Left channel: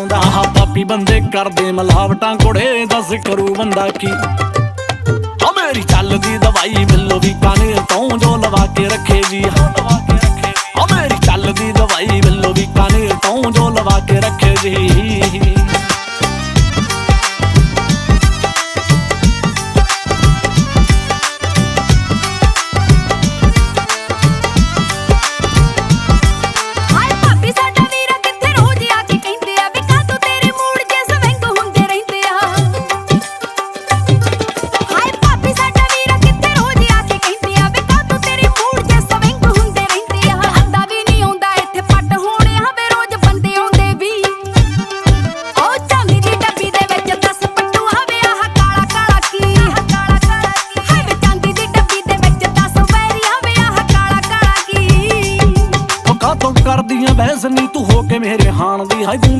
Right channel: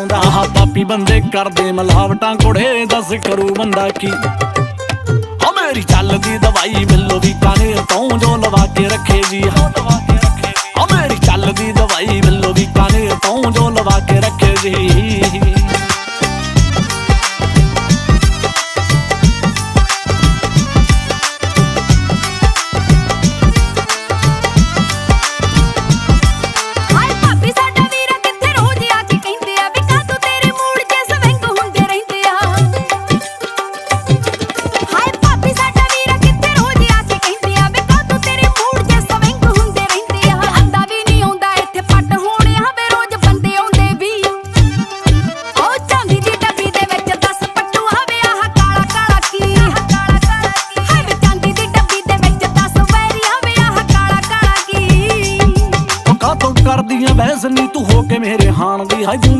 ਆਉਂਦਾ। ਆਹ ਪਾਪੀ ਬੰਦੇ ਕਰਦੇ ਮਲਾਵਟਾਂ ਕੁੜੇ ਦੱਸ ਕਰੂ ਬੰਦਾ ਕੀ? ਆ ਮੇਰੀ ਚੱਲਦੀ ਦਵਾਈ, ਮਿਲੋ ਵੀ ਕਾਨੇ ਤੋਂ ਜੋ ਲਵਾ ਕੇ ਰੱਖੇ ਜੀ। ਲਵਾ ਕੇ ਰੱਖੇ ਆ ਮੇਰੀ ਚੱਲਦੀ ਦਵਾਈ, ਮਿਲੋ ਵੀ ਕਾਨੇ ਤੋਂ ਜੋ ਲਵਾ ਕੇ ਰੱਖੇ ਜੀ। ਕਾਤੋਂ ਕਰਦੀਆਂ ਬਹਿਸ ਨੀ ਤੂੰ ਹੋ ਕੇ ਮੇਰੇ ਹਾਣ ਦੀ। ਹਾਈ ਗੂੰਗੇ